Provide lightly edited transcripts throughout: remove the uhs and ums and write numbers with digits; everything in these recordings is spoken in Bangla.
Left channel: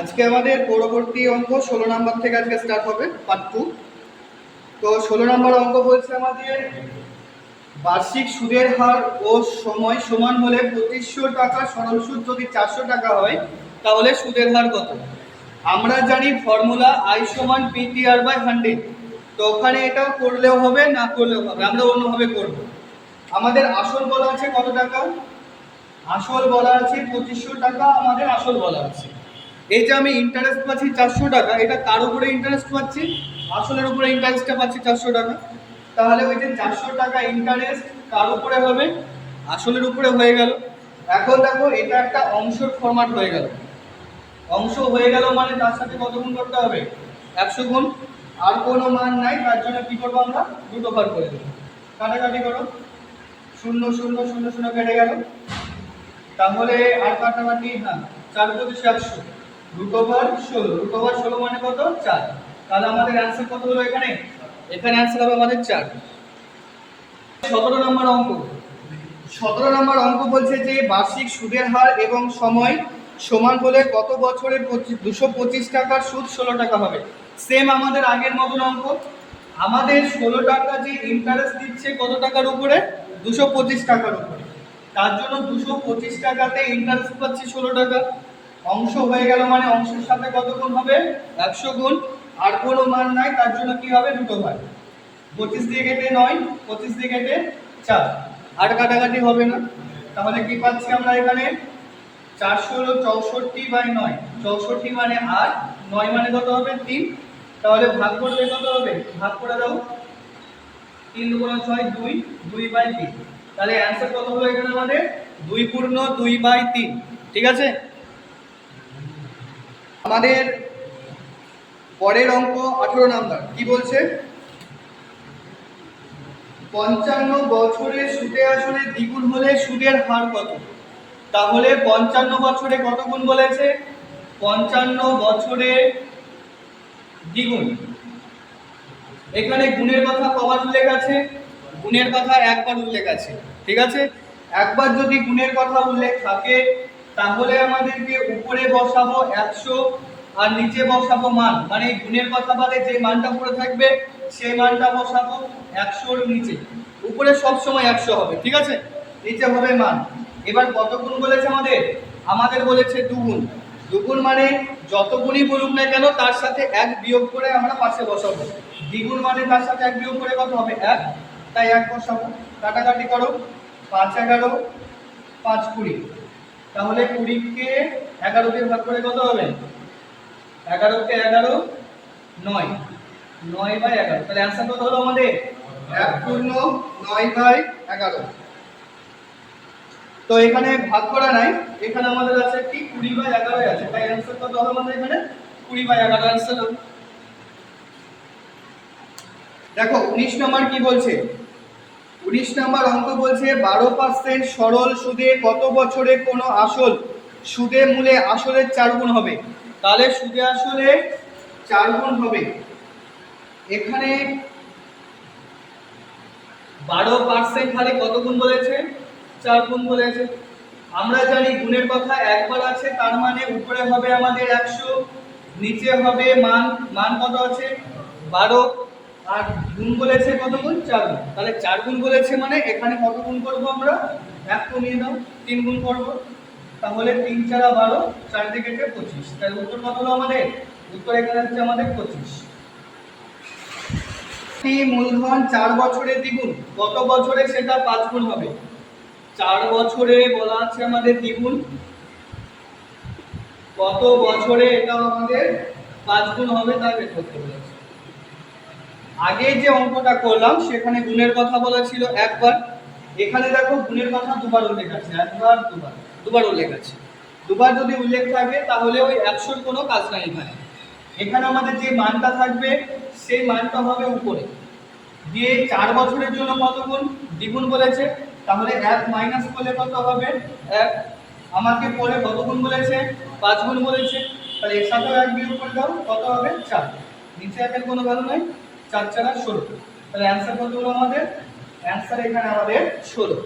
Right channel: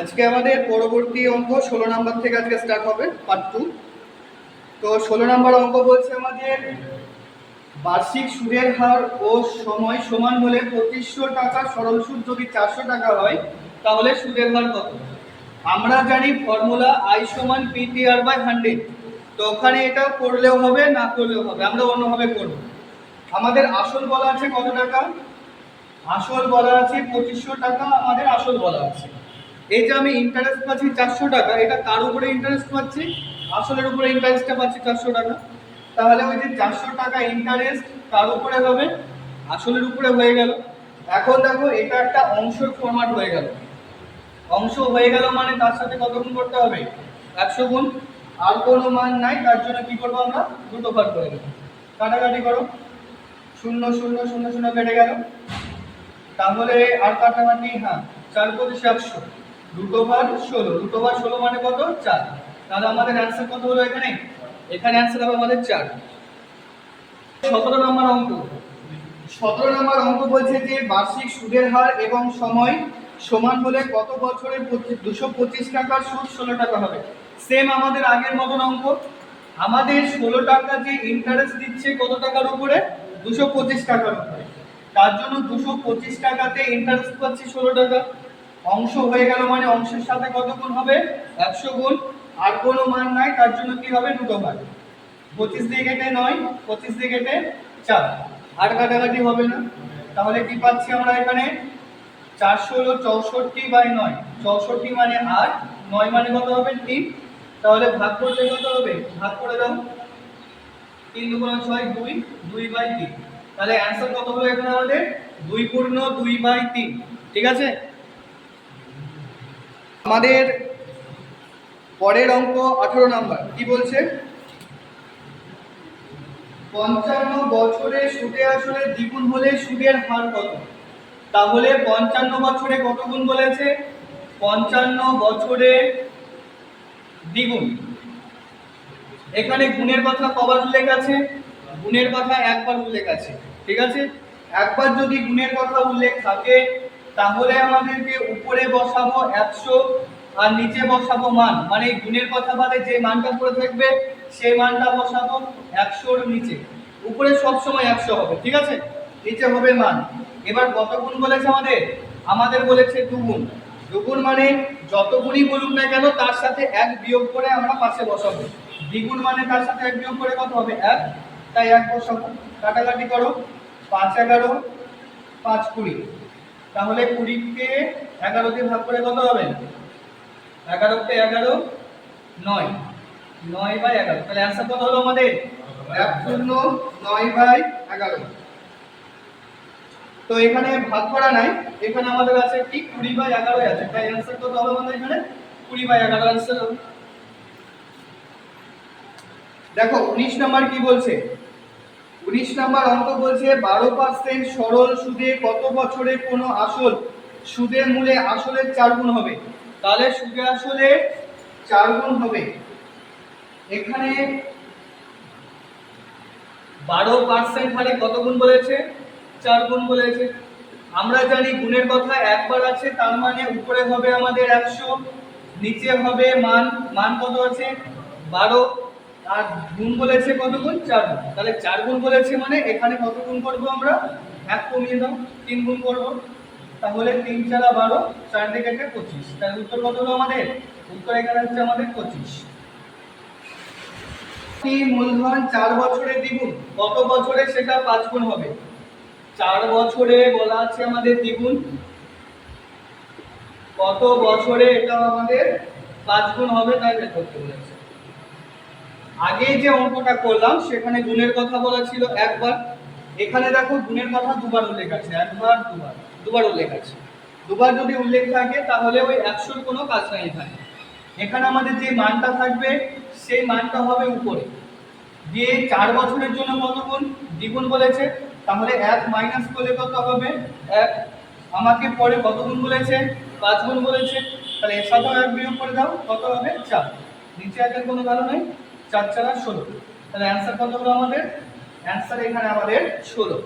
আজকে আমাদের পরবর্তী অঙ্ক 16 নাম্বার থেকে আজকে স্টার্ট হবে পার্ট 2। তো 16 নাম্বার অঙ্ক বলছে আমাদের বার্ষিক সুদের হার ও সময় সমান হলে 2500 টাকা সরল সুদ যদি 400 টাকা হয় তাহলে সুদের হার কত। আমরা জানি ফর্মুলা I সমান PTR/100। তো ওখানে এটা করলেও হবে না করলেও হবে, আমরা অন্যভাবে করব। আমাদের আসল বলা আছে কত টাকা, আসল বলা আছে 2500 টাকা, আমাদের আসল বলা আছে। এই যে আমি ইন্টারেস্ট পাচ্ছি 400 টাকা, এটা কার উপরে ইন্টারেস্ট পাচ্ছি, আসলের উপরে ইন্টারেস্টটা পাচ্ছি 400 টাকা। তাহলে ওই যে 400 টাকা ইন্টারেস্ট কার উপরে হবে, আসলের উপরে হয়ে গেল। এখন দেখো এটা একটা অংশের ফরম্যাট হয়ে গেল, অংশ হয়ে গেল মানে তার সাথে কত গুণ করতে হবে, 100 গুণ। আর কোনো মান নাই, তার জন্য কি করবো আমরা, দুটো ভাগ করে দেবো। কাটাকাটি করো, 0 0 0 0 কেটে গেল। তাহলে আর কাটাকাটি, হ্যাঁ 4 × 25 100, √16 মানে কত, 4। তাহলে আমাদের অ্যান্সার কত হলো এখানে, এখানে অ্যান্সার হবে আমাদের 4। 17 নম্বর অঙ্ক, 17 নম্বর অঙ্ক বলছে যে বার্ষিক সুদের হার এবং সময় সমান হলে কত বছরে 225 টাকার সুদ 16 টাকা হবে। সেম আমাদের আগের মতন অঙ্ক, আমাদের 16 টাকা যে ইন্টারেস্ট দিচ্ছে কত টাকার উপরে, 225 টাকার উপরে। তার জন্য 225 টাকাতে ইন্টারেস্ট পাচ্ছি 16 টাকা। অংশ হয়ে গেল মানে অংশের সাথে কত গুণ হবে, 100 গুণ। আর কোনো মান নাই, তার জন্য কি হবে, দুটো ভাগ। 25 দিয়ে কেটে 9, 25 দিয়ে কেটে 4, আর কাটাকাটি হবে না। তাহলে কি পাচ্ছি আমরা এখানে, 400 হলো 64/9, 64 মানে 8, 9 মানে কত হবে 3। তাহলে ভাগ করলে কত হবে, ভাগ করে দাও, 3 × 6 2, 2/3। তাহলে অ্যানসার কত হলো এখানে আমাদের, 2 পূর্ণ 2/3। ঠিক আছে। আমাদের পরের অঙ্ক 18 নাম্বার কি বলছে, 55 বছরে সুদে আসলে দ্বিগুণ হলে সুদের হার কত। তাহলে 55 বছরে কত গুণ বলেছে, 55 বছরে দ্বিগুণ। এখানে গুণের কথা কবার উল্লেখ আছে, গুণের কথা একবার উল্লেখ আছে। ঠিক আছে, একবার যদি গুণের কথা উল্লেখ থাকে তাহলে আমাদেরকে উপরে বসাবো 100 আর নিচে বসাবো মান, মানে গুণের কথা বাদে যে মানটা পড়ে থাকবে সেই মানটা বসাবো 100 এর নিচে। উপরে সব সময় 100 হবে, ঠিক আছে, নিচে হবে মান। এবার কত গুণ বলেছে আমাদের, আমাদের বলেছে দুগুণ। দুগুণ মানে যত গুণই বলুক না কেন তার সাথে 1 বিয়োগ করে আমরা পাশে বসাবো। দ্বিগুণ মানে তার সাথে 1 বিয়োগ করে কত হবে, 1, তাই 1 বসাবো। কাটাকাটি করো, 5 11 5 20। তাহলে 20 কে 11 দিয়ে ভাগ করে কত হবে, 11 কে 11 9, 9/11। তাহলে অ্যানসার কত হলো আমাদের, 1 পূর্ণ 9/11। তো এখানে ভাগ করা নাই, এখানে আমাদের আছে কি 20/11 আছে, তাই অ্যানসার কত হবে আমাদের এখানে, 20/11 অ্যানসার হবে। দেখো 19 নাম্বার কি বলছে, 19 নাম্বার অঙ্ক বলছে 12% সরল সুদে কত বছরে কোনো আসল সুদে মূলে আসলের 4 গুণ হবে। তাহলে সুদে আসলে 4 গুণ হবে। এখানে 12% হলে কত গুণ বলেছে, 4 গুণ বলেছে। আমরা জানি গুণের কথা একবার আছে, তার মানে উপরে হবে আমাদের 100, নিচে হবে মান, মান কত আছে 12, আর গুণ বলেছে কত গুণ, 4 গুণ। তাহলে 4 গুণ বলেছে মানে এখানে কত গুণ করব আমরা, 1 কমিয়ে দাও, 3 গুণ করব। তাহলে 3 × 4 12, 4 দিয়ে কেটে 25। তাহলে উত্তর কত হলো আমাদের, উত্তর এখানে হচ্ছে আমাদের 25। মূলধন 4 বছরে দ্বিগুণ, কত বছরে সেটা 5 গুণ হবে। 4 বছরে বলা আছে আমাদের দ্বিগুণ, কত বছরে এটা আমাদের 5 গুণ হবে, তাই বের করতে বলেছে। আগে যে অঙ্কটা করলাম সেখানে গুণের কথা বলা ছিল একবার, এখানে দেখো গুণের কথা দুবার উল্লেখ আছে, একবার দুবার, দুবার উল্লেখ আছে। দুবার যদি উল্লেখ থাকে তাহলে ওই 100 কোনো কাজ নাই এখানে। এখানে আমাদের যে মানটা থাকবে সেই মানটা হবে উপরে দিয়ে 4 বছরের জন্য কত গুণ, দ্বিগুণ বলেছে। তাহলে 1 মাইনাস করলে কত হবে, 1। আমাকে পরে কত গুণ বলেছে, 5 গুণ বলেছে। তাহলে এর সাথেও 1 বিয়োগ করে দাও, কত হবে 4। নিচে একের কোনো ভ্যালু নেই, 4 × 4 = 16। তাহলে অ্যানসার কত হলো আমাদের, অ্যানসার এখানে আমাদের 16।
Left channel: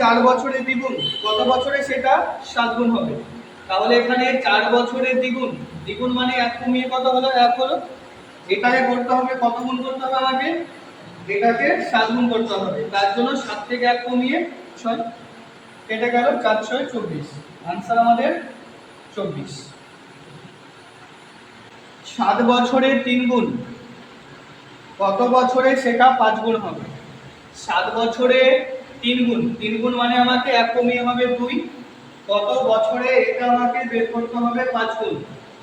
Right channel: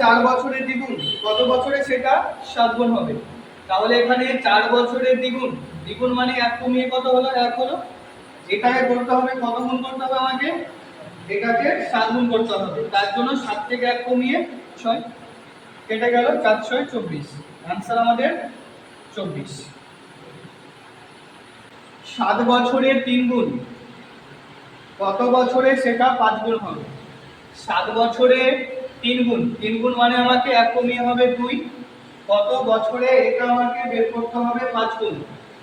4 বছরে দ্বিগুণ, কত বছরে সেটা 7 গুণ হবে। তাহলে এখানে 4 বছরের দ্বিগুণ, দ্বিগুণ মানে 1 কমিয়ে কত হলো? 1 হলো। এটাকে করতে হবে কত গুণ করতে হবে আমাকে? এটাকে 7 গুণ করতে হবে। তার জন্য 7 থেকে 1 কমিয়ে 6 কেটে গেল, 4 6 24। आंसर আমাদের 24। 7 বছরে 3 গুণ কত বছরে সেটা 5 গুণ হবে? 7 বছরে 3 গুণ, 3 গুণ মানে আমাকে 1 কমিয়ে হবে 2। কত বছরে এটা আমাকে বের করতে হবে 5 গুণ।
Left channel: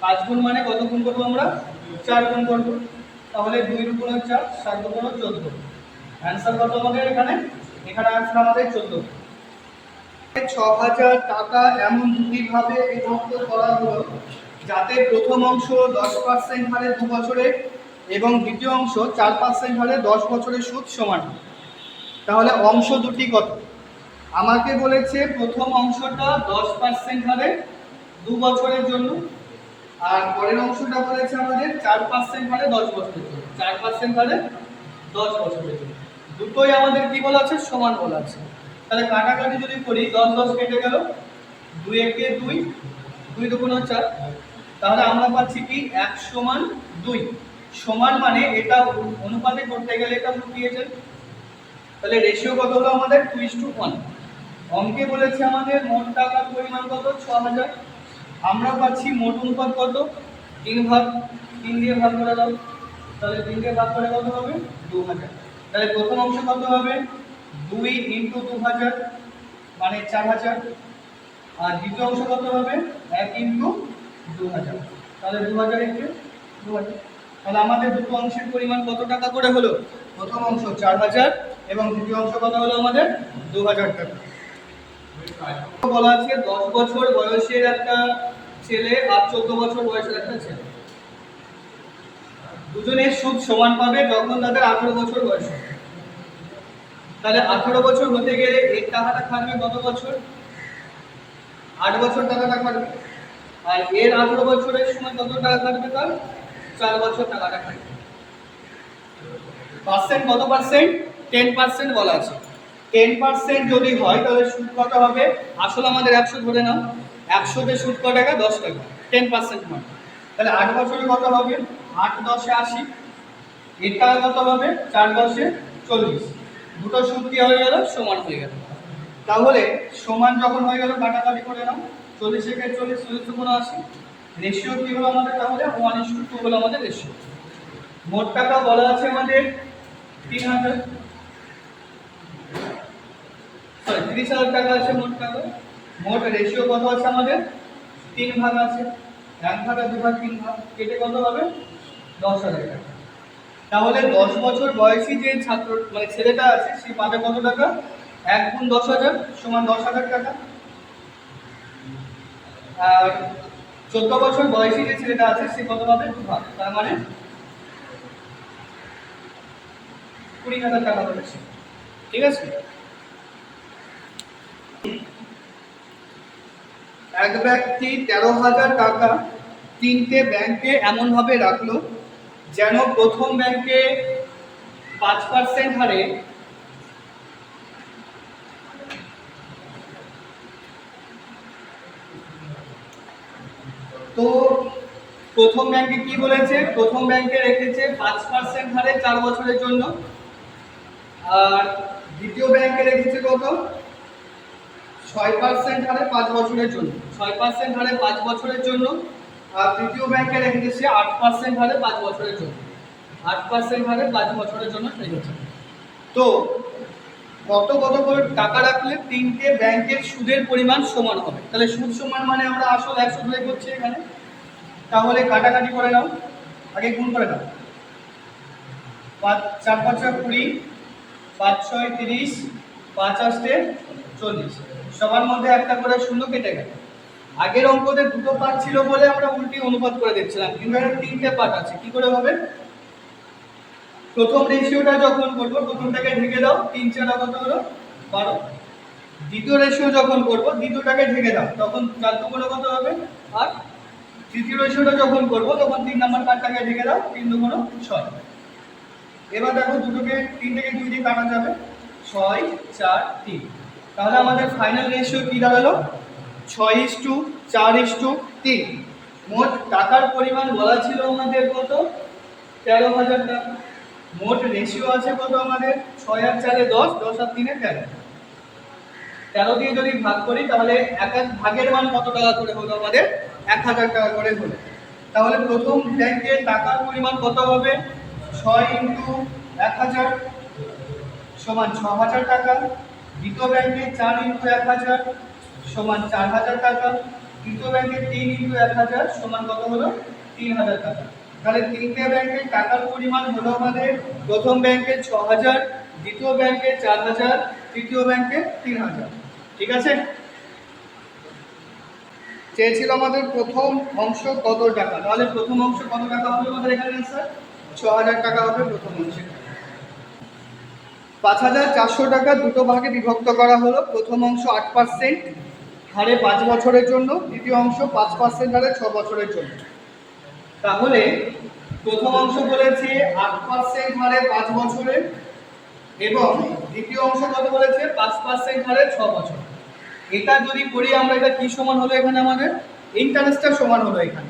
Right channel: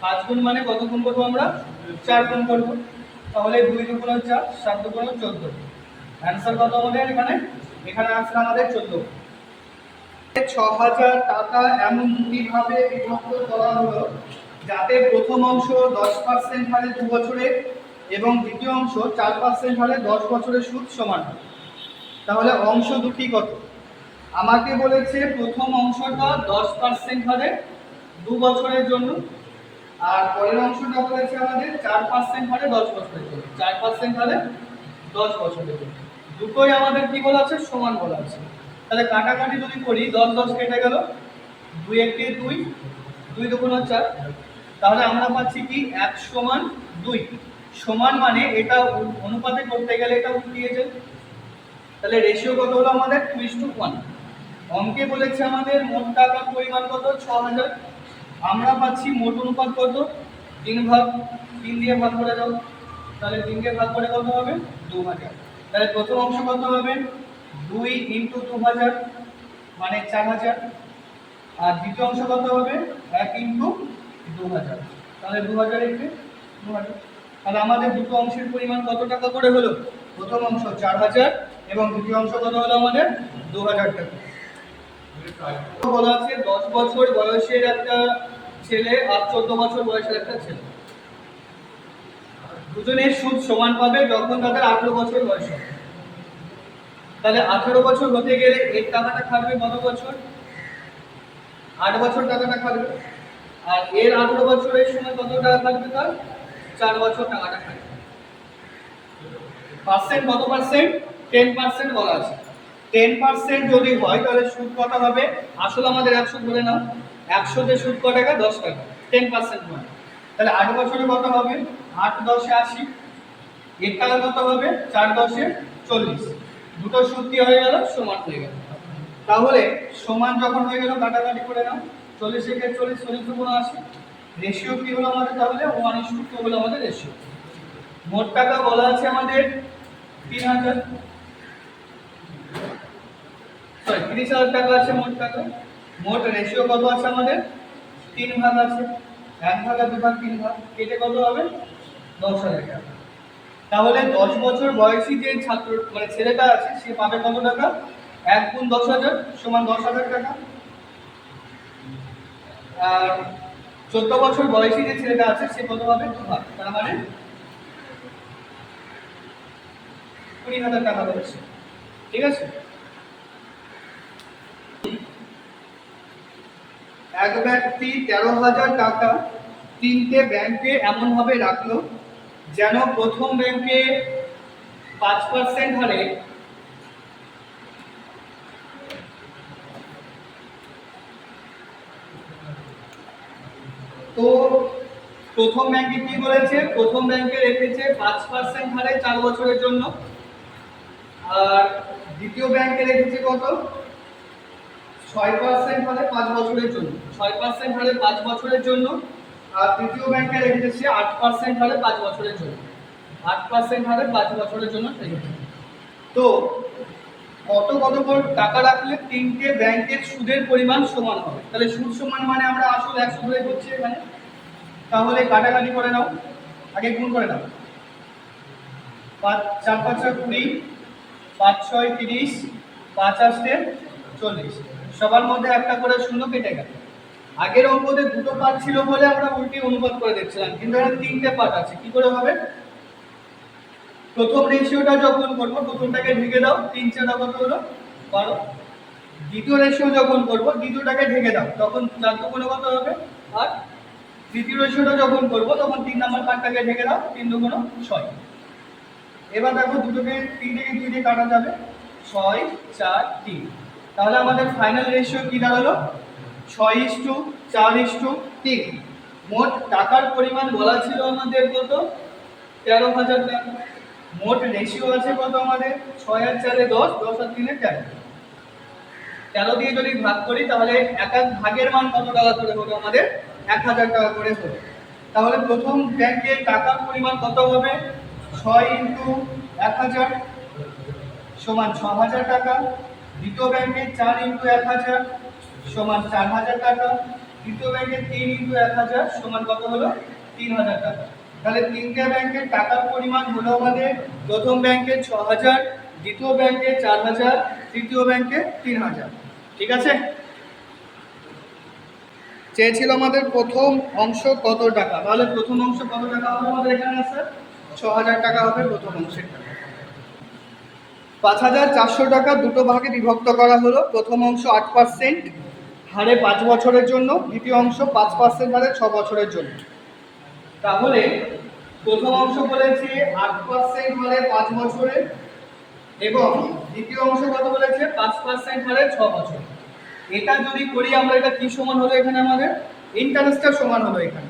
5 গুণ মানে কত গুণ করব আমরা? 4 গুণ করব। তাহলে 2 দুগুণ 4, 7 দুগুণ 14। आंसर কত আমাদের এখানে? এখানে आंसर আমাদের 14। 6000 টাকা এমন দুটি ভাবে বিভক্ত করা হলো যাতে প্রথম অংশ 10% হারে 2 বছরে এবং দ্বিতীয় অংশ 4% হারে 10 বছরের সুদ সমান। তাহলে অংশ দুটি কত? আমাকে বলেছে প্রথম অংশটা 10% হারে 2 বছরের জন্য, আর পরের অংশটা বলেছে আমাদের 4% হারে 10 বছরের জন্য। 4% হারে 10 বছরের জন্য দুটোই আমাদের কি বলা আছে? সমান বলা আছে। তাহলে কাটাকাটি যদি করি 10 10 কেটে গেল, 2 একে 2, 2 দুগুণ 4। তাহলে আমরা পাচ্ছি কি 1 সমান 2। সমান মানে এটা অনুপাতে করতে গেলে এটা উল্টিয়ে যায়। তাহলে রেশিও কত হলো আমাদের? 2:1। অঙ্কে বলেছে আমাদের মোট টাকার পরিমাণ কত? 6000। আমরা পাচ্ছি মোট অনুপাত কত? 3 ভাগ। 3 দিয়ে ভাগ করে দাও। তাহলে 3 দিয়ে ভাগ করে কত হবে? 2000। তাহলে প্রথম অংশ কত হবে? 2 × 2000 মানে 4000। আর দ্বিতীয় অংশ কত হবে? 1 × 2000। তাহলে 2000 × 2000। তাহলে আমাদের দুটো অংশের পরিমাণ কত টাকা করে হলো? প্রথম অংশ 4000 এবং দ্বিতীয় অংশ কত হলো আমাদের? 2000 টাকা। বলা আছে 10 বছর বয়সের একটা ছেলে আর 14 বছর বয়সের একটা ছেলে, দুজনের সুদ সমান পাবে যখন তাদের 18 বছর বয়স হবে। তাহলে 18 বছর হতে গেলে এর টাকাটা খাটবে কত বছর? 8 বছর টাকাটা খাটবে। আর এর 18 বছরের সময় কত টাকা খাটবে? তার 4 বছর টাকাটা খাটবে। পার্সেন্ট কত পার্সেন্ট? 10% বলা আছে। 10% যদি হয় তাহলে সুদ কত হবে? আসলে আমাদের 100 ধরে নাও, 100 তে সুদ কত টাকা? 10 টাকা। 10% মানে তাহলে 8 বছরে কত হবে? 8 10 এ 80। এর টাকা কত হবে? 4 10 এ 40। দুটো সুদ কি হয়ে গেল? সমান হয়ে গেল। তাহলে সমান যখন হয়ে গেল কাটাকাটি করে নাও, 40 একে 40, 40 দুগুণ 80। রেশিও কি হলো আমাদের? তাহলে 1:2 হলো আমাদের রেশিও। মোট টাকা বলা আছে আমাদের 3000, সরি 30,000 টাকা আছে মোট টাকা। মোট রেশিও কত আছে আমাদের? 3 ভাগ আছে। 1 ভাগ আর 2 ভাগ 3 ভাগ কেটে কত হবে? 10,000 টাকা। তাহলে 10 বছর বয়সী যে ছাত্র মানে ছেলেটা আছে সে পাবে কত টাকা? 1 গুণ 10,000 সমান 10,000 টাকা। আর 14 বছর বয়সী যে ছেলেটা আছে সে কত পাবে? 2 ভাগ, তার মানে 20,000 টাকা পাবে সে। ঠিক আছে? এক ব্যক্তি 13,000 টাকা 3টে ব্যাংকে এমনভাবে রাখলো যেন প্রথম ব্যাংকে 5% হারে তো প্রথম ব্যাংকে কি বলেছে? প্রথম ব্যাংকে রেখেছে 5% হারে 4 বছরের জন্য, আর দ্বিতীয় ব্যাংকে রেখেছে কত? 6% হারে 5 বছরের জন্য। 6% হারে 5 বছরের জন্য। আর তৃতীয় ব্যাংকে রেখেছে 8% হারে 5 বছরের জন্য। 8% হারে 5 বছরের জন্য রেখেছে। তো কত কত করে টাকা রাখলে 3টে ব্যাংকের সুদের পরিমাণ সমান হবে? তাহলে সুদ সমান মানে আমরা আসল 100 ধরে করছি এখানে। তাহলে কাটাকাটি করে নাও, আগে গুণ করে নাও। 4 5 20, 5 6 30, 5 8 40। সবার মধ্যে একটা করে শূন্য কেটে গেল। আগের অঙ্কতে দুটো পার্ট ছিল বলে আমরা উল্টি অনুপাত করে দেখছিলাম, কিন্তু এখানে 3টে পার্ট আছে। কি করে হবে? প্রথম রেশিওটা যখন করব প্রথমটাকে ঢেকে দাও, 3 4 কত হলো? 12। দ্বিতীয় রেশিও যখন করব দ্বিতীয়টাকে ঢেকে দাও, তখন 4 দুগুণ কত হবে? 8। তৃতীয় রেশিওটা যখন করব তখন 3 নাম্বার পার্টটাকে ঢেকে দাও, 3 দুগুণ 6। এবার দেখো দুটোকে 3 থেকে 2 দিয়ে কাটা যাবে, 6 4 3। তাহলে আমাদের ফাইনাল রেশিও কি দাঁড়ালো? 6:4:3। মোট টাকার পরিমাণ বলা ছিল আমাদের কত? 13,000 টাকা। মোট রেশিও আছে কত আমাদের? 6 আর 4 10, 10 আর 3 13। 13 দিয়ে যদি ভাগ করি তাহলে এক এক ভাগের মান কত টাকা করে হলো আমাদের? 1,000 টাকা করে হলো। তাহলে প্রথম ব্যাংকের টাকার পরিমাণ কত হবে? 6 × 1,000 সমান 6,000 টাকা। দ্বিতীয় ব্যাংকে 4 × 1,000 সমান 4,000 টাকা। তৃতীয় ব্যাংকে 3 × 1,000 সমান কত হলো? 3,000 টাকা। তাহলে তিনটে ব্যাংকের টাকার পরিমাণ হলো আমাদের প্রথম ব্যাংকে 6,000, দ্বিতীয় ব্যাংকে 4,000, তৃতীয় ব্যাংকে 3,000। ঠিক আছে? চেয়েছিল আমাদের প্রথম অংশ কত টাকা, তাহলে প্রথম অংশ কত টাকা হবে আমাদের এখানে? স্যার 6,000 টাকা হবে প্রথম অংশে। 5,400 টাকা দুটো ভাগে বিভক্ত করা হলো। প্রথম অংশ 8% হারে 5 বছরের জন্য, দ্বিতীয় অংশ 5% হারে 6 বছরের জন্য। তাহলে প্রথম অংশ বলেছে 8% হারে 5 বছরে এবং দ্বিতীয় অংশ কত বলেছে? 5% হারে 6 বছর। এটা যদি করি আমরা, এটা কি সমান হলো এখানে আমাদের? ইন্টারেস্টের সমান হলো এখানে।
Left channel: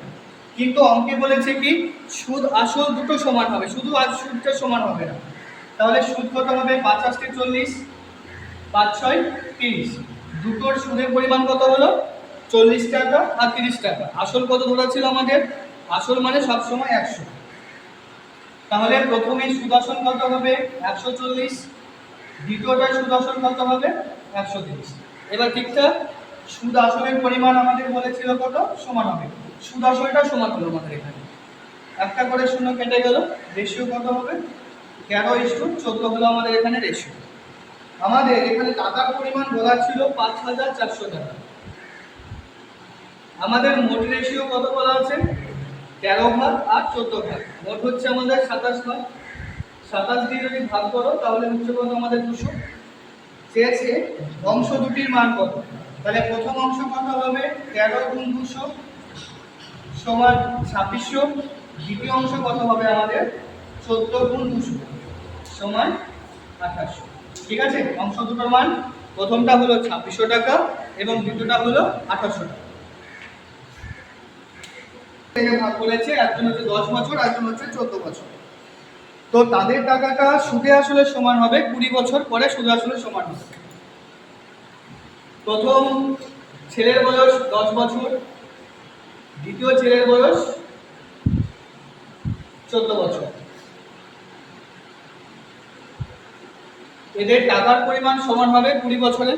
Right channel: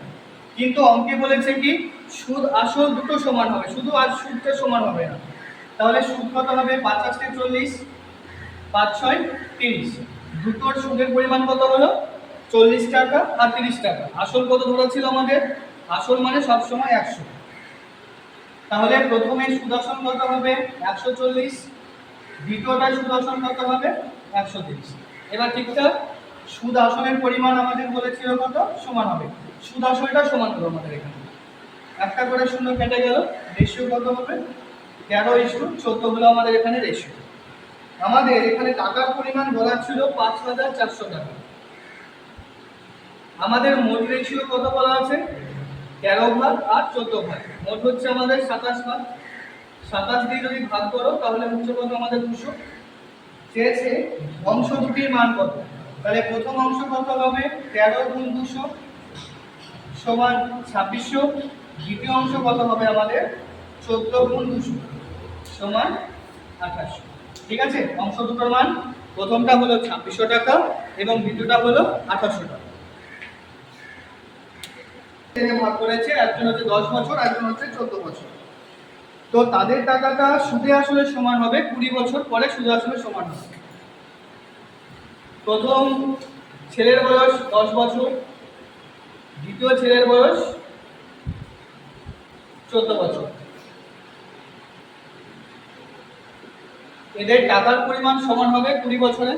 কিন্তু অঙ্কে বলেছে কি সুদ আসল দুটো সমান হবে, শুধু আর সুদটা সমান হবে না। তাহলে সুদ কত হবে? 50 × 40, 5 × 6 = 30। দুটোর সুদের পরিমাণ কত হলো? 40 টাকা আর 30 টাকা। আসল কত ধরা ছিল আমাদের? আসল মানে সবসময় 100। তাহলে প্রথমে সুদ আসল কত হবে? 140। দ্বিতীয়টা সুদ আসল কত হবে? 130। এবার ঠিকঠাক সুদ আসলের পরিমাণ আমাদের বলেছিল কত? সমান হবে। সুদ আসলটা সমান হলো আমাদের এখানে। একটা করে শূন্য কেটে গেল। রেশিও কত হবে? 13:14 হলো আমাদের এখানে রেশিও। আমাদের এখানে টাকার পরিমাণ বলা ছিল 5,400 টাকা। আমাদের মোট রেশিও কত বলা আছে? 13 ভাগ আর 14 ভাগ। মোট হচ্ছে আমাদের 27 ভাগ। 27 দিয়ে যদি ভাগ করো তাহলে হচ্ছে কত আমাদের? 200। চেয়েছে অংশ দুটির মান কত। তাহলে প্রথম অংশ কত হবে? 13 × 200 সমান 2600। দ্বিতীয় অংশ কত হবে আমাদের? 14 × 200 সমান 2800। ঠিক আছে? অংশ দুটোর মান প্রথমটা হলো 2600 টাকা এবং দ্বিতীয়টা হলো 2800 টাকা। ভাগ করেছে, একজন হচ্ছে 10 বছর, একজন হচ্ছে 14 বছর। তো তাদের টাকাটা সুদে আসলে সমান হবে 20 বছর পরে সুদে আসলে সমান হবে। প্রথম ছেলের বয়স 10 বছর, দ্বিতীয় ছেলের বয়স 14 বছর। এদের টাকার পরিমাণ সমান হবে 20 বছরে।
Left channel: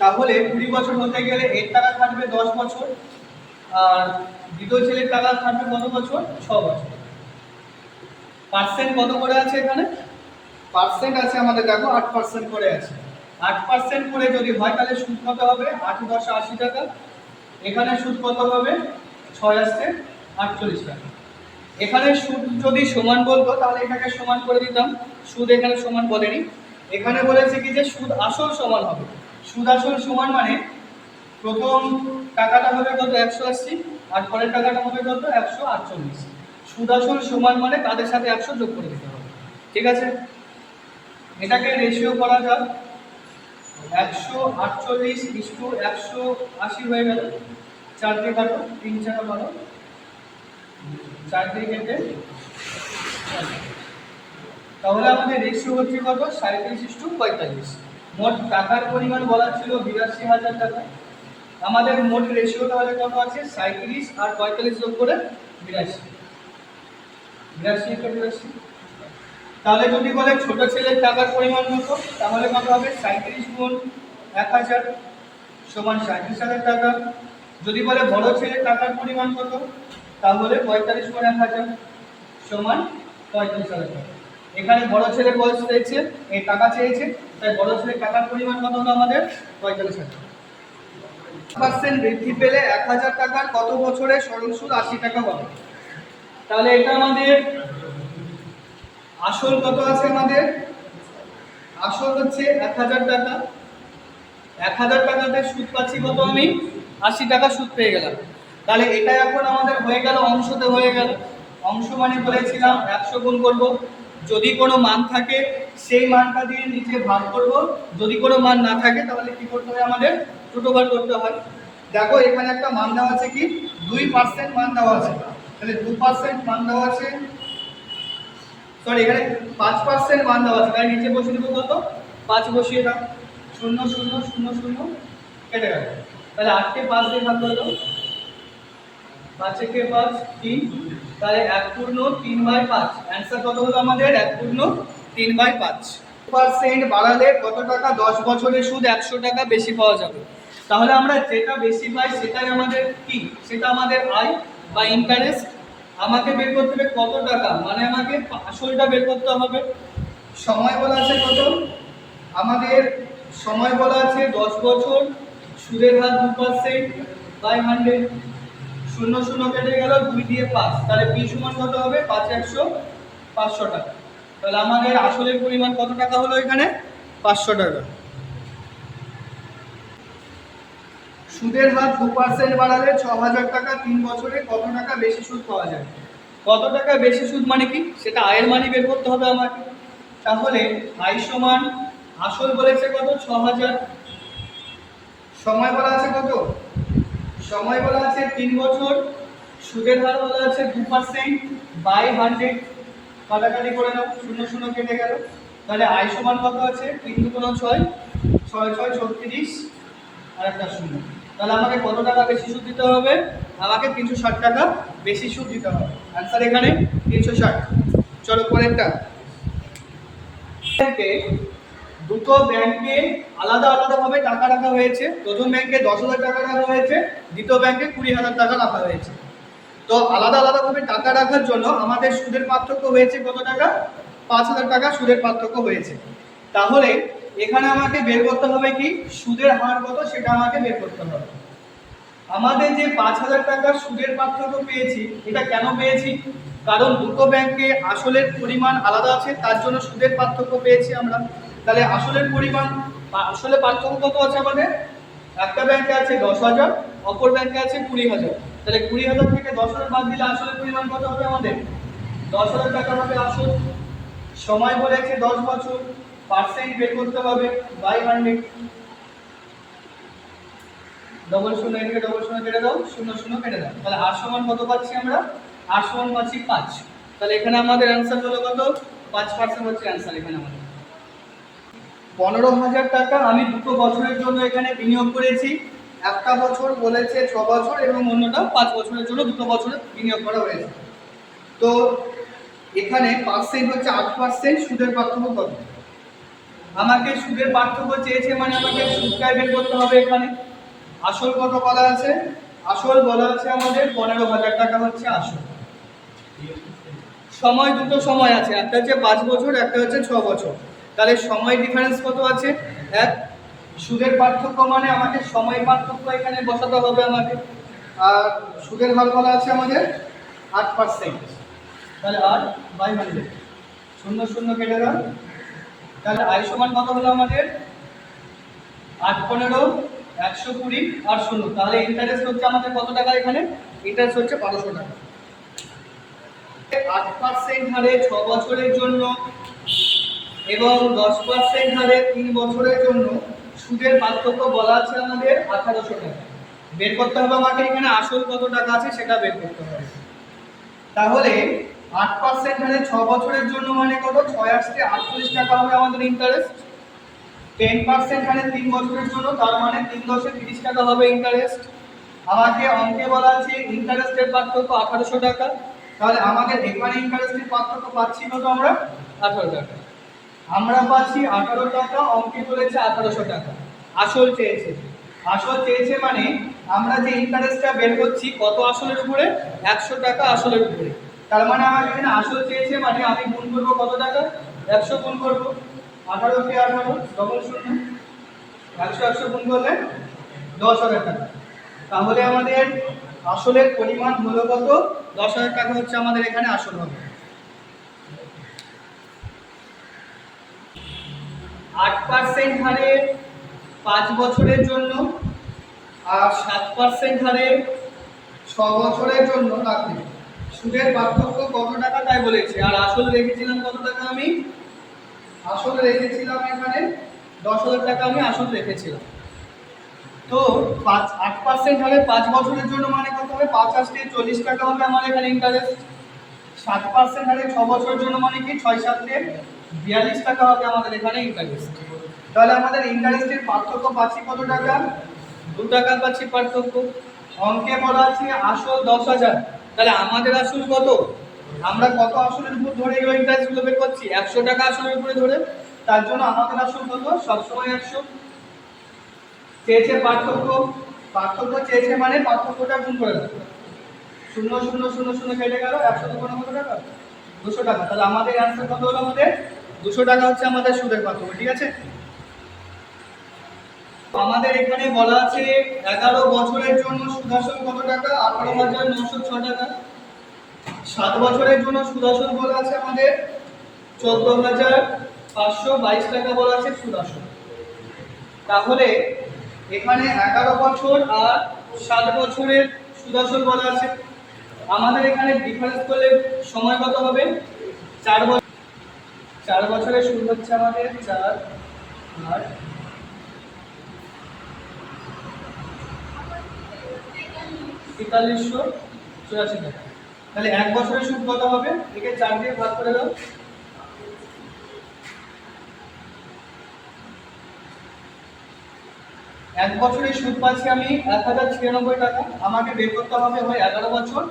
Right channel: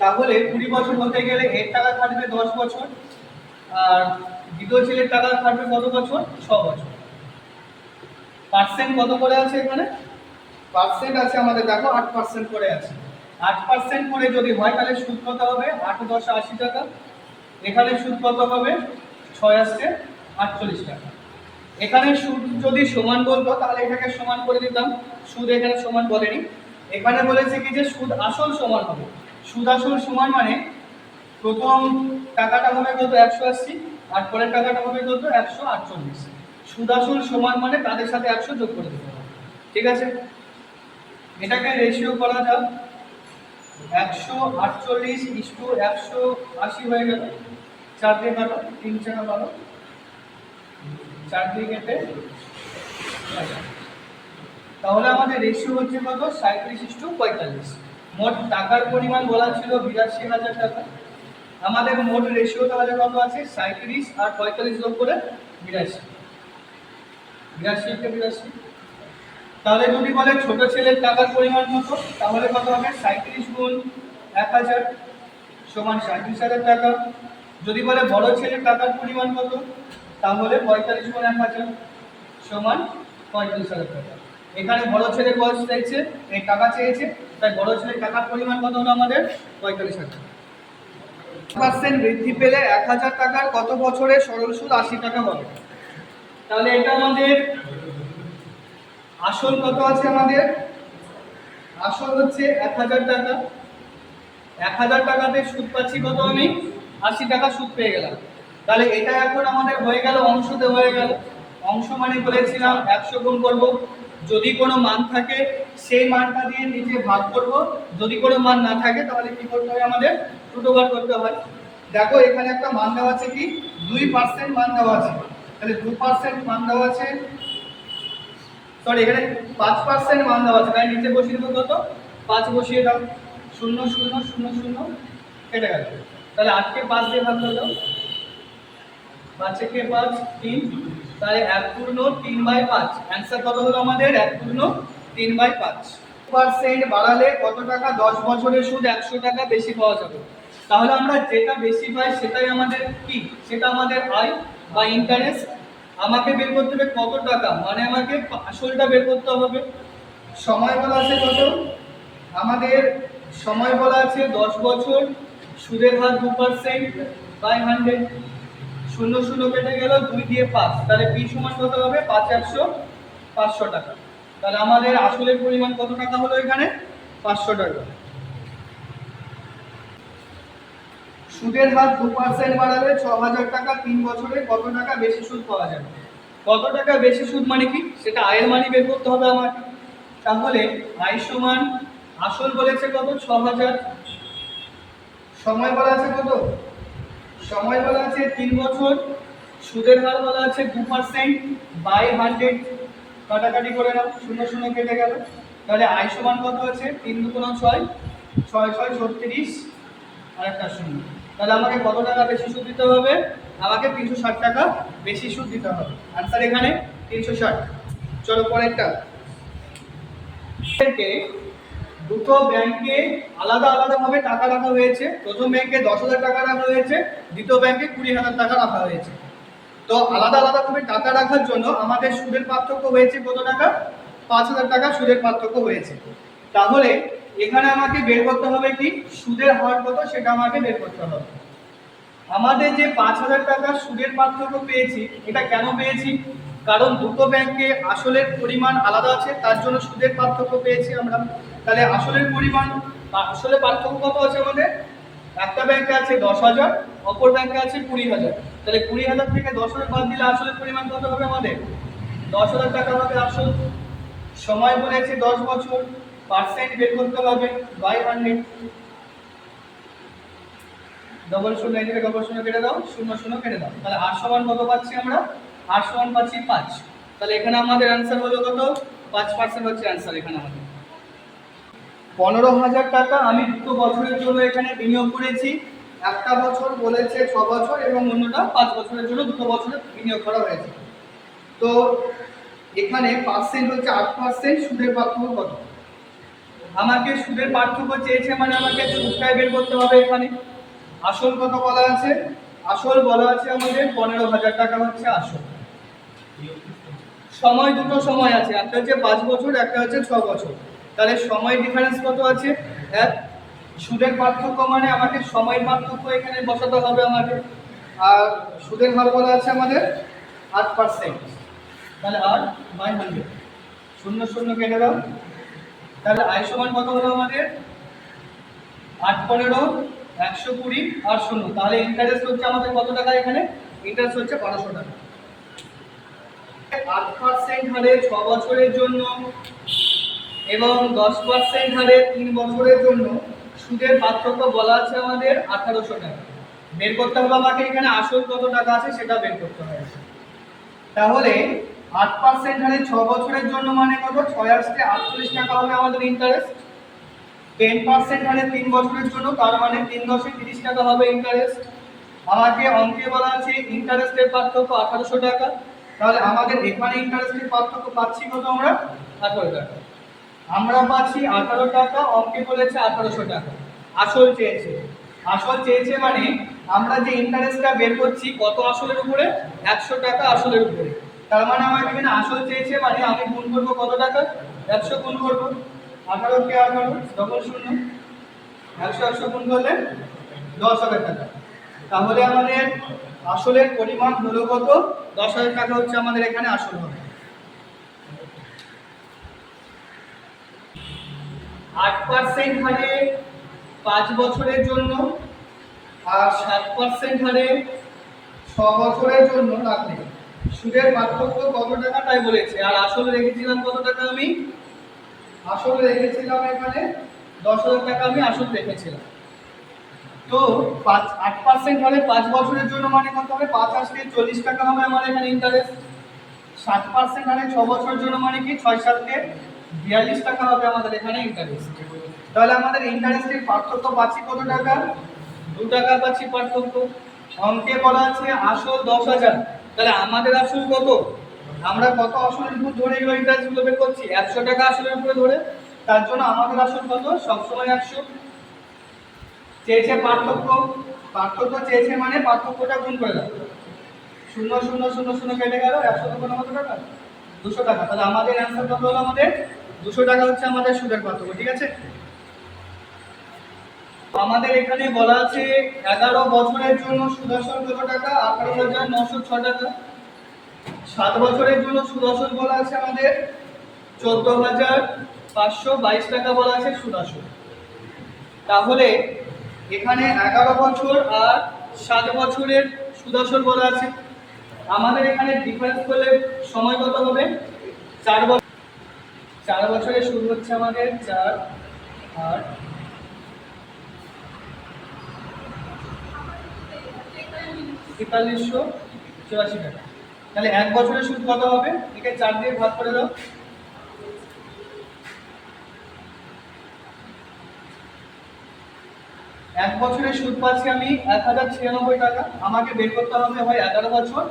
তাহলে 20 বছর হতে গেলে এর টাকা খাটবে 10 বছর আর দ্বিতীয় ছেলের টাকা খাটবে কত বছর? 6 বছর। পার্সেন্ট কত করে আছে এখানে? পার্সেন্ট আছে আমাদের দেখো 8% করে আছে। 8% করে যদি হয় তাহলে সুদ কত হবে? 8 × 10 = 80 টাকা। এখানে সুদ কত হবে? 6 আসছে 48 টাকা। এখানে সুদ যদি সমান বলতো তাহলে এটাকে সমান করে দিতাম। সুদ এখানে সমান বলেনি, এখানে বলেছে কি যে সুদ আসল সমান হবে। সুদ আসল সমান মানে প্রথম টাকাটা হবে কত? 180 আর পরের টাকাটা হবে কত? 148। সুদ আসল সমান মানে তাদের সাথে 100 যোগ করে দিতে হবে। ঠিক আছে? এটাকে রেশিও করা যাক। 148:180 হয়ে গেল। 4 দিয়ে কাটো, 3 × 4 = 12। 4 দিয়ে কেটে তাহলে আমাদের রেশিও হচ্ছে কত? 37:45। মোট টাকার পরিমাণ বলা ছিল 82,000 টাকা। আমাদের মোট রেশিও তাহলে কত আছে? 37 আর 45 যোগ করে 82। 82 × 82। তাহলে যদি বলে ছোট ছেলের টাকার পরিমাণ কত, তাহলে কত হবে? 37 × 1000 সমান 37,000 টাকা। যদি বলে বড় ছেলের টাকার পরিমাণ কত, তাহলে 45 × 1000 সমান 45,000 টাকা। এখানে বড় ছেলের বয়স চেয়েছে, এই টাকা চেয়েছে, তাই বড় ছেলের টাকার পরিমাণ কত হলো আমাদের? 45,000। 8% বৃদ্ধি পেলে 1,000 টাকার কত বছরে সরল সুদ 80 টাকা হবে? তাহলে এটা আমাদের আসল কত আছে আমাদের? আসল হচ্ছে 1,000 টাকা। 1,000 টাকাতে সুদ পাচ্ছি কত? আমি 80 টাকা সুদ পেয়ে গেলাম। তাহলে এটা এখন আমাদের হয়ে গেল অংশতে হয়ে গেল। অংশ মানে বলেছিলাম 100 গুণ করব। যদি কোনো মান থাকে সেই মানটা দিয়ে নিচে ভাগ করব। যদি কোনো মান না থাকে তাহলে কি করতে হয় আমাদের? দুটো বার করতে হয়। দেখো এখানে একটা মান দেওয়া আছে কি 2% মান দেওয়া আছে, তাহলে 2% মান দেওয়া আছে, সরি এখানে 5% মান দেওয়া আছে, তাই নিচে বসিয়ে দেবো কত 5 বসিয়ে দাও, 0 0 0 0 কেটে গেল, তাহলে 8 কে 5 দিয়ে ভাগ করে দাও, 5 কে 5 3, তাহলে 1/3/5, অ্যান্সার কত হলো আমাদের 1/3/5। পার্সেন্ট বাড়ালে কত টাকা 10 বছরের সুদ 100 টাকা বেশি পাওয়া যাবে। তাহলে আমরা যেটা বেশি পাই সেটাই আমাদের কি, সেটা আমাদের আয় বা ইন্টারেস্ট। আমাকে বের করতে হবে কত টাকা, মানে আমাকে আসলটা বের করতে হবে। সময় বলা আছে কত, আমাদের সময় বলা আছে 10 বছর, সুদের হার 2%/100, 0 0 কেটে গেল, 2 দিয়ে 5, তাহলে পি সমান কত হবে 5 100 500 টাকা। তাহলে আমাদের আসলের পরিমাণ কত টাকা হলো এখানে 500 টাকা। সুদের হার 2% বাড়ালে 6000 টাকা 3 বছরে কত টাকা বেশি সুদ পাওয়া যাবে। কত টাকা বেশি সুদ মানে কি, সেটা আয়ের মানই বের করতে হবে আমাকে। তাহলে আয় সমান আসল বলেছে কত 6000, সময় বলা আছে কত, সময় বলা আছে 3 বছর, সুদের হার বলা আছে 2%/100, কাটাকাটি করে নাও, 0 0 কেটে গেল, তাহলে আয় সমান কত আছে 3 2 6 6 6 36 আর একটা 0, তাহলে আমাকে কত টাকা বেশি সুদ দিতে হবে, আমাকে 360 টাকা বেশি সুদ দিতে হবে। आंसर এখানে 360। চলো পরেরটা, দুটো ব্যাংকে আলাদা আলাদাভাবে টাকা রাখা হয়েছে। প্রথম ব্যাংকে 10,000 টাকা রাখা হয়েছে, দ্বিতীয় ব্যাংকে 20,000 টাকা রাখা হয়েছে। তো আলাদা আলাদাভাবে টাকা রাখার জন্য আমাদের সুদের পার্থক্য হয়েছে কত টাকা, 5,000 টাকা সুদের পার্থক্য হয়েছে। তাহলে এখানে আমাকে বের করতে হবে কি সুদের হার কত, সেটা আমাকে বের করতে হবে। আমাদের যে 5,000 টাকা সুদের পার্থক্য পেয়েছি, এটা কেন পেয়েছি, কারণ দুটো ব্যাংকে আসলের পরিমাণ আলাদা আছে, তার জন্য সুদের পার্থক্য পেয়েছি আমরা। তাহলে আসলের পরিমাণ আসলে পার্থক্য কত আছে আমাদের, একটা ব্যাংকে আছে 10,000, অপর ব্যাংকে আছে 20,000, তাহলে 20,000 থেকে 10,000 বাদ দিলে আসলের পরিমাণ কত হবে আমাদের 10,000 টাকা হবে আসল। সময় বলেছে 10 বছর, পার্সেন্ট বের করতে হবে বাই 100, ডবল শূন্য এদিকে ডবল শূন্য কেটে দাও, 0 0 কেটে দাও, তাহলে আর সমান কত পাচ্ছি আমরা, আর সমান পাচ্ছি 5। তাহলে এখানে আমাদের অ্যান্সার হলো কত 5% হচ্ছে অ্যান্সার এখানে আমাদের। 15,000 টাকা আমি দুটো বছরের জন্য এখানে বিনিয়োগ করেছি। একটা বছর বলেছে 6 বছর এবং অন্যটা 5 বছরের জন্য দুটো বছরে বিনিয়োগ করা হয়েছে। তো এখানে পার্সেন্ট হচ্ছে 8%, সুদের পার্থক্য কত, আমাকে সুদের পার্থক্য চেয়েছে মানে আমাকে সুদটা বের করতে হবে। এখানে আসল কত বলা আছে, আসল বলা আছে আমাদের 15,000 টাকা হচ্ছে আসল। সময় দুটো সময় আছে, একটা হচ্ছে 5 বছর, একটা হচ্ছে 6 বছর, তাহলে সময় ডিফারেন্স কত আছে 1। সুদের পার্থক্য মানে আমাকে সময় পার্থক্য এখানে বসাতে হবে আমাদের। আর সুদের হার বলা আছে আমাদের 8%, তাহলে 8/100, 0 0 কেটে দাও, তাহলে আয় সমান কত হলো আমাদের 8 15 120 আর 0, তাহলে ইন্টারেস্ট হচ্ছে আমাদের কত টাকা, এখানে ইন্টারেস্ট হচ্ছে 1200 টাকা। 8% হারে 6 বছরের জন্য এবং 10% হারে 3 বছরের জন্য সুদের পার্থক্য বলা আছে আমাদের 1800 টাকা। বের করতে হবে আমাকে এখানে আসল কত টাকা আছে সেটা বের করতে হবে। তাহলে 8% হারে 6 বছরের জন্য মানে কত, 6 আসতে 48 টাকা হবে আমাদের ইন্টারেস্ট। 10% হারে 3 বছরের জন্য, তার মানে 3 10 30 টাকা হবে ইন্টারেস্ট। আমাকে অঙ্কে বলা আছে ইন্টারেস্টের পার্থক্য 1800 টাকা, তাহলে আমাদের এখানে ইন্টারেস্টের পার্থক্য পাচ্ছি কত আমরা 18 টাকা। আমরা পাচ্ছি 18 টাকা, অঙ্কে বলেছে 1800 টাকা। আসল চেয়েছে, আসল চেয়েছে মানে আমরা যে ইন্টারেস্টটা বের করছি কত আসলের উপরে 100 টাকা আসলের উপরে, তার মানে আমাকে এখানে আসল চেয়েছে মানে আমি গুণ করব কত টাকা 100 গুণ করব, 18 কে 18 ডবল শূন্য 100 100 গুণ করলে 10,000 টাকা। তাহলে আমাদের আসলের পরিমাণ হলো কত 10,000 টাকা হচ্ছে আমাদের এখানে আসল হবে। 8% হারে 5 বছরের জন্য আর 7% হারে 6 বছরের জন্য রাখলে সুদের পার্থক্য কত টাকা তাই বলেছে। আর আসল রেখেছিলাম কত টাকা, আমি আসল রেখেছিলাম এখানে 10,000 টাকা আমি আসল রেখেছিলাম। তো 8% হলে 5 বছরের জন্য মানে কত হবে? 5 আসলে 40 টাকা হবে আমার এখানে ইন্টারেস্ট। 60% হলে 6 বছরের জন্য মানে কি 6 7 42 টাকা হবে আমাদের এখানে ইন্টারেস্ট। তাহলে আমাদের ইন্টারেস্টের পার্থক্য পাচ্ছি কত টাকা? 2 টাকা পাচ্ছি পার্থক্য। অঙ্কে বলা আছে আসল 10,000, তাহলে আমাদের আসল কত? আমরা কত আসলের উপর ধরে এই ইন্টারেস্টগুলো বের করছি? 100 টাকা আসলের উপরে ধরে। তার জন্য আমাদের আসল কত? সবসময় 100। চেয়েছে পার্থক্য, পার্থক্য চেয়েছে মানে পার্থক্যটা গুণ করে দাও। 0 0 0 0 কেটে গেল, 100 কত টাকা? 200 টাকা। তাহলে আমাদের অ্যান্সার কত হলো? আমাদের 200 টাকা হচ্ছে আমাদের সুদের পার্থক্য। ঠিক আছে, আমাদের এখানে বলা আছে 11 বছরের জন্য সুদ আসল কত টাকা? 18,906 টাকা। 7 বছরের জন্য সুদ আসল বলা আছে আমাদের 14,522 টাকা বলা আছে সুদ আসল। তাহলে এখানে 11 বছর আর 7 বছরের সুদ আসল বলা আছে। আমাদের এখানে ডিফারেন্স করলে সময় কত হবে? 4 বছর। 4 বছরের সুদ হচ্ছে আমাদের 4 আর 4384 টাকা। তাহলে 1 বছরের সুদ কত হবে? একে 4 দিয়ে ভাগ করে দাও। এক বছরের সুদ পাচ্ছি আমি 1096 টাকা। আমাকে বের করতে হবে হয় 11 বছর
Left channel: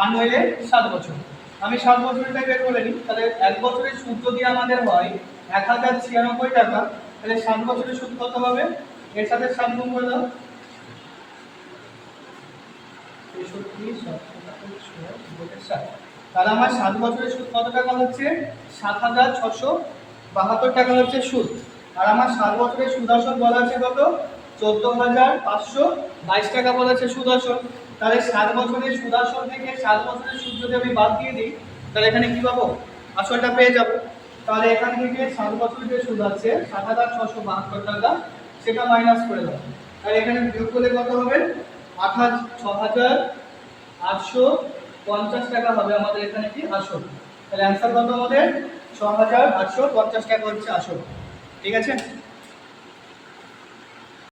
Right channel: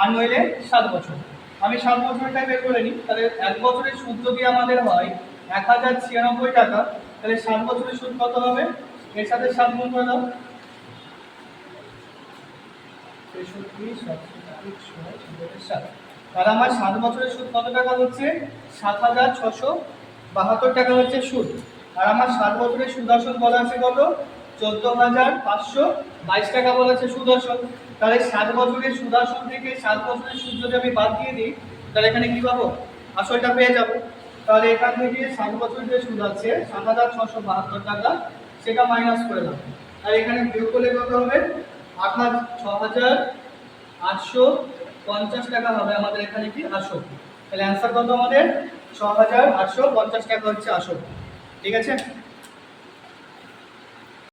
আর নইলে 7 বছর। আমি 7 বছরটাই বের করে নিই। তাহলে এক বছরের সুদ যদি আমাদের হয় 1096 টাকা, তাহলে 7 বছরের সুদ কত হবে? এর সাথে 7 গুণ করে দাও। 63 তাহলে আমার 7 বছরের সুদ কত টাকা হচ্ছে? 7,672 টাকা হচ্ছে সুদ। আর আমার 7 বছরের সুদ আসল বলা আছে কত? 14,522 টাকা বলা আছে সুদ আসল। তাহলে 7 বছরের সুদ আসল থেকে 7 বছরের সুদ যদি আমি বাদ দিয়ে দিই, তাহলে এখানে কি পাবো? আসলটা পেয়ে যাব। তাহলে এখান থেকে 7 বছরের যে সুদ আছে 7,672 টাকা, সেটা মাইনাস করে দাও। আর এখানে বিয়োগ করলে কত হবে? 6,850 টাকা হবে আমাদের এখানে কি আসল। তাহলে অ্যান্সার কত আমাদের? 6,850 টাকা হচ্ছে আসল। ঠিক আছে।